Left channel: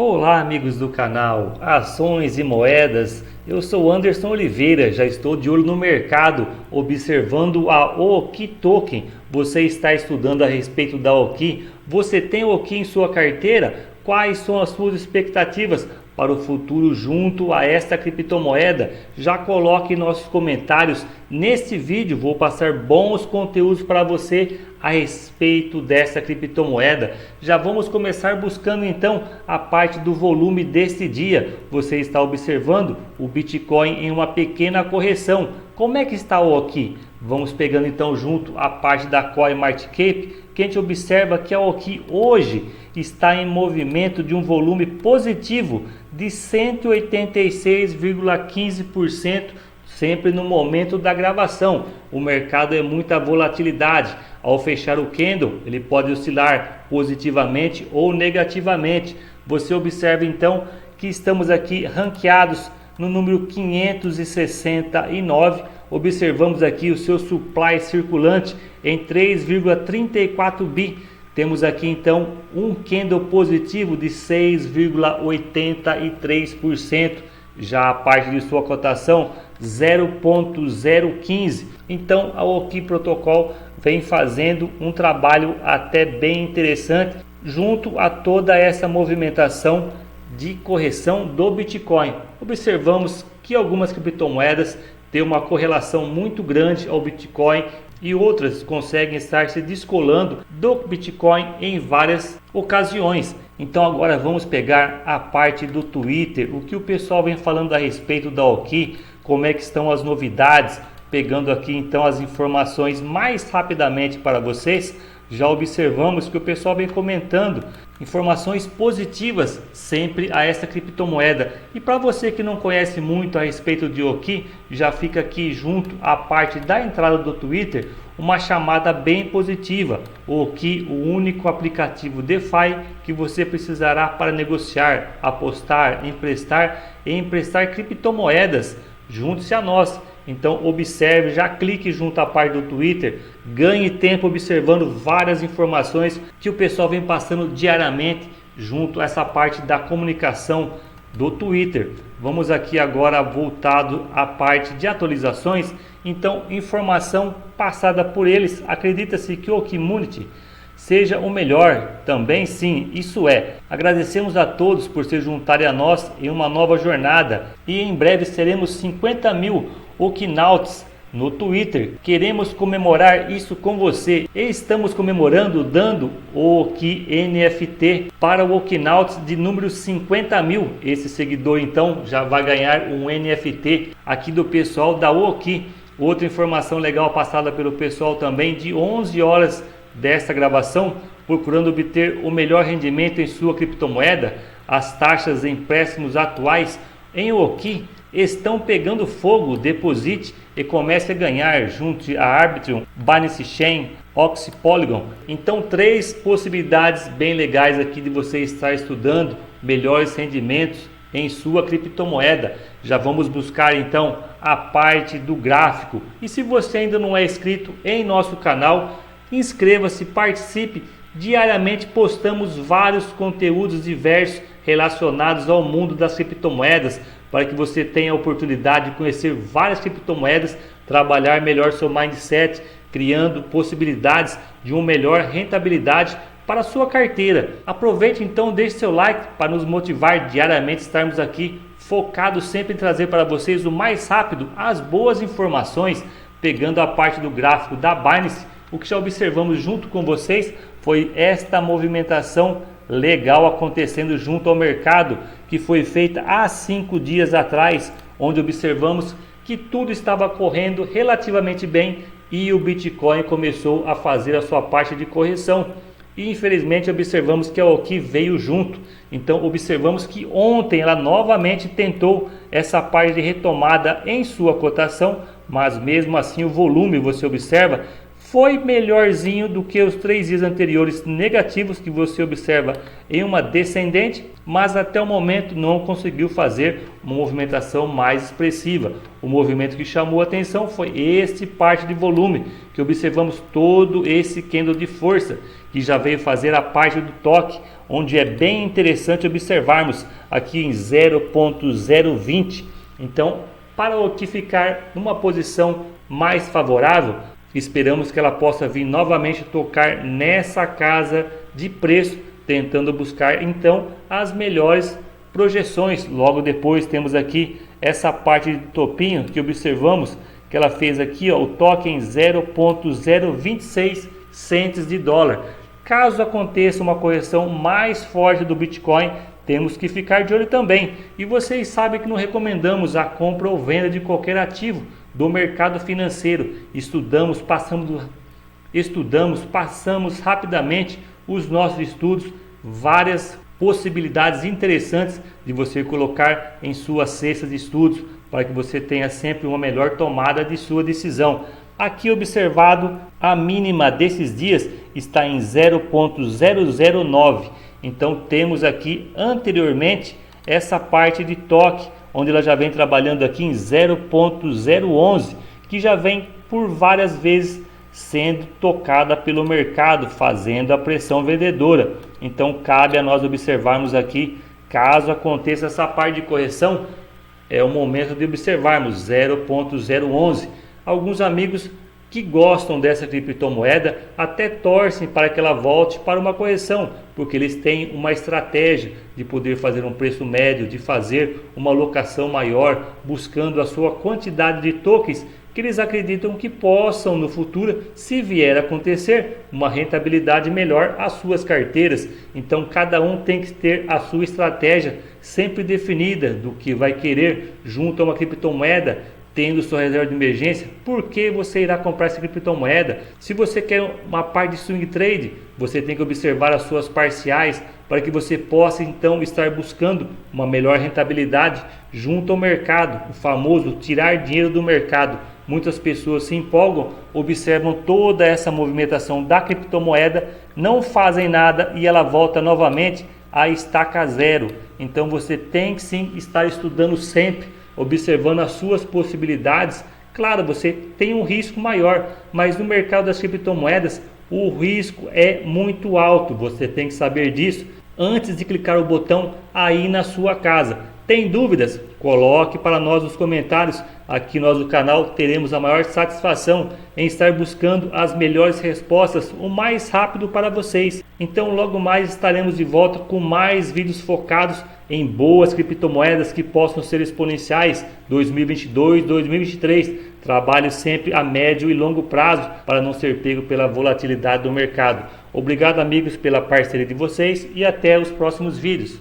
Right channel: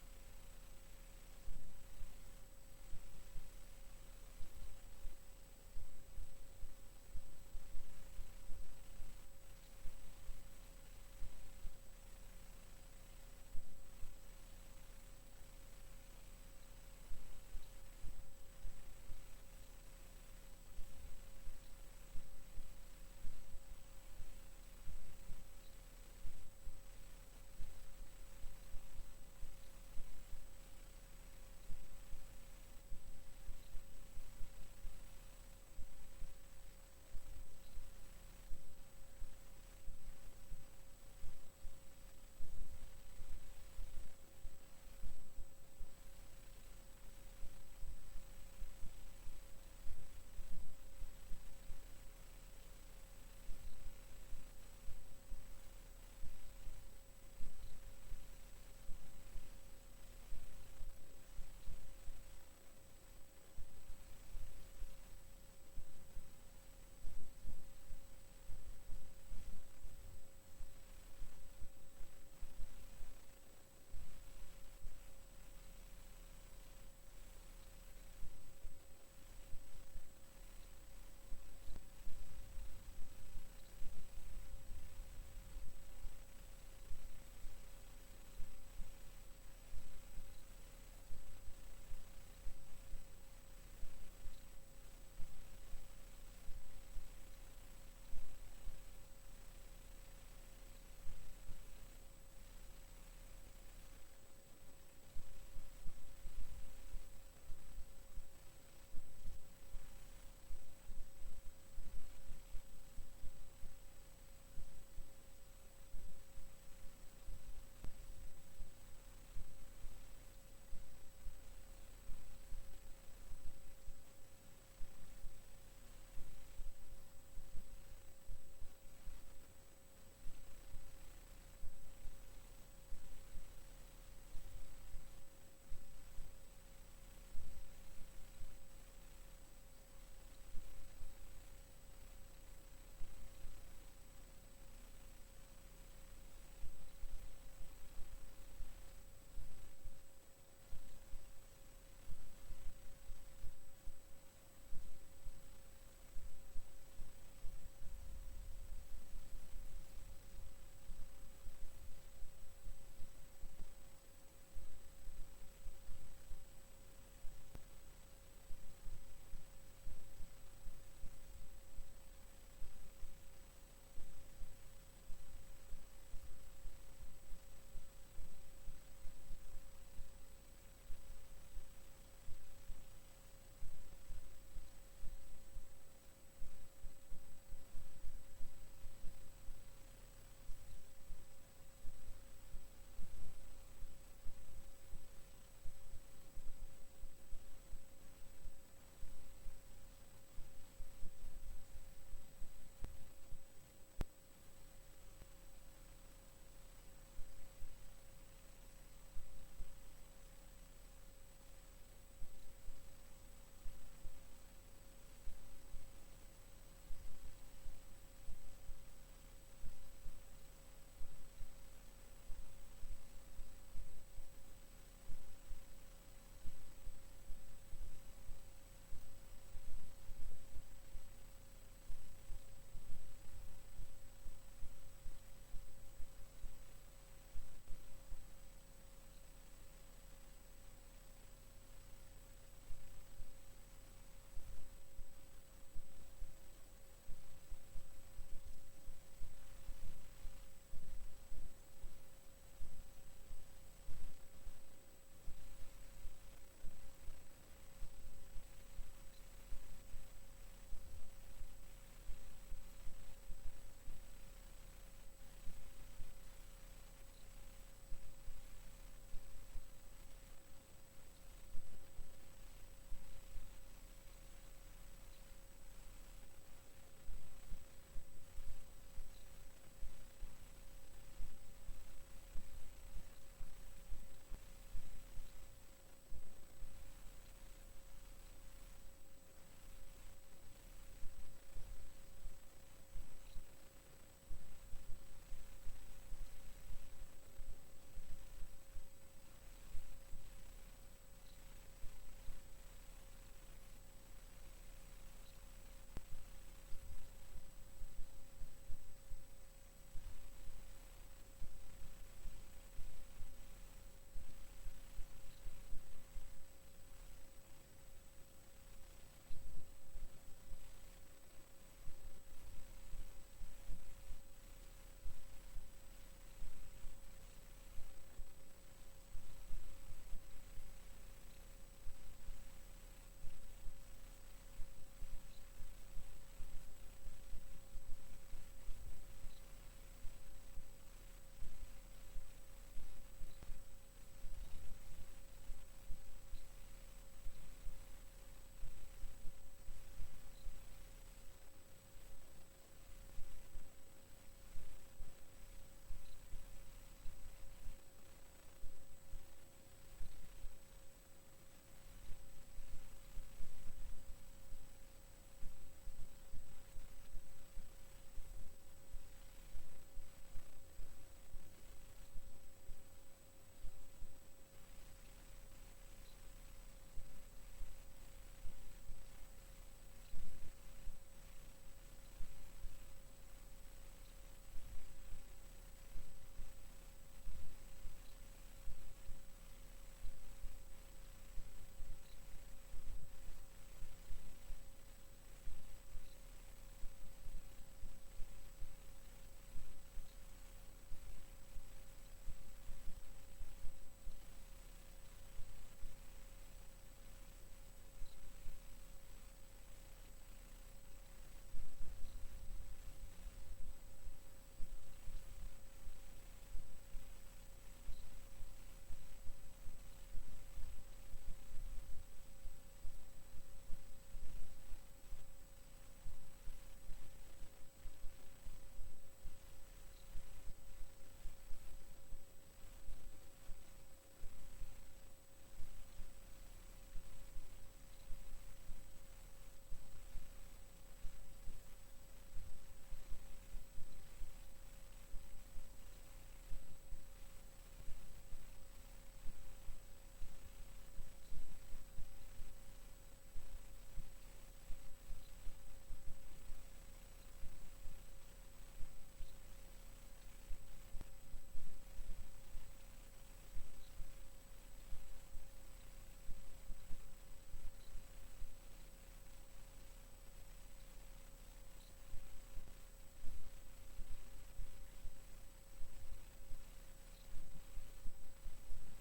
Olá, amigos do canal Ações e Moedas. Eu sou Anderson Oliveira, já estou de olho no mercado, observando a OKI Token. Você está estudando a respeito da OKI? Você tem OKI em sua carteira? Quais são as suas expectativas para o futuro junto a esta criptomoeda? Já coloque nossos comentários. Neste vídeo vou passar bons conteúdos para você a respeito dessa criptomoeda. Já vamos começar buscando então a parte do volume deste dia. Você está observando o Bitcoin em uma pequena correção. Como é que está o OKI? Vamos pegando então junto a parte da CoinMarketCap, que a gente observa que a OKI hoje está em movimento de um volume positivo de 186,15%, sempre no momento da gravação. O mercado é muita volatilidade. Ao fechar o candle, ele pode oscilar positivamente ou negativamente. Você observa então que estamos aqui ranqueados no número 569. Observamos aqui o seu supply circulante em 3,34 bi. Temos aqui então um candle positivo de 6,83%. Já a parte de sua cotação 0,015. Então a OKI Protocol vem fazendo um trabalho até bem interessante junto a toda essa movimentação de correção do Bitcoin. Observamos que algumas criptomoedas têm uma correlação muito grande ao Bitcoin e outras conseguem estar se descolando do Bitcoin em várias ocasiões. Então agora vamos pegar a parte do Twitter, o que o pessoal vem falando a respeito da OKI, como é que estão as novidades, pegando aqui então as informações mais rapidamente para vocês. Já observamos que o pessoal vem comentando informações positivas sempre a essa criptomoeda. E para você que não conhece muito a respeito de OKI, já fica aqui junto à parte da entrada do Twitter uma chamada bem positiva. O OKI, o único aplicativo DeFi que você precisará para negociar, apostar, emprestar e emprestar criptomoedas. Junte-se a nós. Então observe, já clique junto à parte do Twitter, ganhe tempo observando várias informações que o pessoal vem passando diariamente junto a essa parte da comunicação do Twitter. Vamos aqui agora voltado à parte de atualizações. Então, informação passada por eles, acredita-se que o Community seja o melhor, também sim, isso é. Agradecemos a todos por se juntarem a nós em uma nova jornada e em breve seremos 50 mil Okinauts no Twitter. Queremos comemorar isso com você e estamos comemorando dando o OKI NFT para o Okinauts de número 50 mil. Esse seguidor então já vai ganhar um NFT aqui do pessoal da OKI. Outra informação legal passada pelo pessoal também, de 11 horas desta gravação, procurando obter o melhor rendimento em sua criptomoeda. As taxas de empréstimos atuais em OKI estão pegando fogo. Deposite e comece a ganhar junto a Arbitrum, Binance Chain, Oxy, Polygon. Então, três possibilidades bem legais aqui de você estar estudando melhores rendimentos em sua criptomoeda. Já vamos buscar então a parte do gráfico. E se você ainda não é inscrito em nosso canal, inscreva-se, participe. Diariamente postamos vários conteúdos diversos relacionados ao mundo das criptomoedas, para que você tenha a oportunidade de conhecer várias criptomoedas, trabalhar melhor seu mindset, criando possibilidades de uma melhor rentabilidade para a sua carteira. Aproveite então, deixe seu like para nos motivar diariamente, estarmos aqui focados sempre em trazer para vocês o mais rápido as boas informações. Pegando a parte do gráfico da Binance, o que já observamos junto com vocês foi esta movimentação legal acontecendo junto ao mercado, que foi feita há 5 dias atrás, onde observamos que tudo estava correndo relativamente bem e o Bitcoin começou a fazer a sua parte de correção. E infelizmente observamos que a OKI veio junto. Então observamos que ontem ela novamente tentou essa parte de retomada em sua cotação, mas mesmo assim o volume, você observa, foi melhorzinho do que os 3 dias anteriores negativos que você observa em uma descendente, mas até o momento não conseguiu fazer uma movimentação mais expressiva. O movimento que chamou a atenção foi este parte de volume, que observamos todo esse candle de força, que já veio fazer a parte do toque, onde é bem interessante observarmos aqui em 0.020. Então, para o que ficar numa posição mais favorável, esperamos que ela possa vir novamente tocar nessa casa de preço, tentando buscar então as melhores projeções. Logo depois temos aqui essa parte de topinho que observamos que ela fez aqui, ó, o toque em 0.026 centes de dólar. Caso aconteça uma correção mais forte do Bitcoin, temos que ficar de olho também. E vocês sabem que não recomendamos a compra ou venda de qualquer ativo do mercado financeiro. Passamos rapidamente os nossos estudos, várias possibilidades interessantes de você colocar em sua cesta de estudos, para que você tenha sempre uma melhor tomada de sua decisão. Aqui observado, a mínima desses dias está em 0.009. Então temos aqui anteriormente essa parte de toque, onde ela já vem trabalhando aqui em 0.011, que já vem por várias vezes sendo tocada pelo mercado, fazendo a pressão vendedora. Então cabe a nós observarmos aqui, caso aconteça essa parte de correção, é o momento de observarmos 0.011. Alguns amigos que gostam dessa criptomoeda até torcem para que ela volte para uma correção, porque eles têm uma estratégia de poder fazer um preço médio, de fazer uma alocação maior, buscando a sua quantidade de tokens que eles acreditam que possam no futuro, se vier a acontecer, uma rentabilidade melhor às suas carteiras. Então cada um tem que ter a sua estratégia sempre definida do que vai querer junto a uma criptomoeda, tendo sua reserva de emergência. Por que você irá comprar essa criptomoeda? Se você quer uma parte de swing trade, você tem que observar as suas parciais para que você possa então estar buscando uma melhor rentabilidade junto ao mercado, o famoso tirar dinheiro do mercado. Muitas pessoas se empolgam, observam toda essa movimentação da criptomoeda, não fazem nada e ela volta novamente a estaca zero. Então você tem que sim estar estudando sempre, observando as suas possibilidades. Claro, você tem um risco maior, mas no mercado das criptomoedas o risco é muito alto. Você tem que saber disso antes de clicar o botão aí na sua casa. Tem dúvidas? Coloque para nós nos comentários. Aqui nós do canal teremos a maior satisfação em estar buscando as melhores respostas o mais rápido para vocês. Então logo mais estaremos de volta com mais vídeos focados em boas criptomoedas que possam ser exponenciais 2022, 2023. Trabalhe sempre a médio e longo prazo para não ser pego pela volatilidade do mercado. Obrigado amigos pela parceria de vocês e até os próximos vídeos.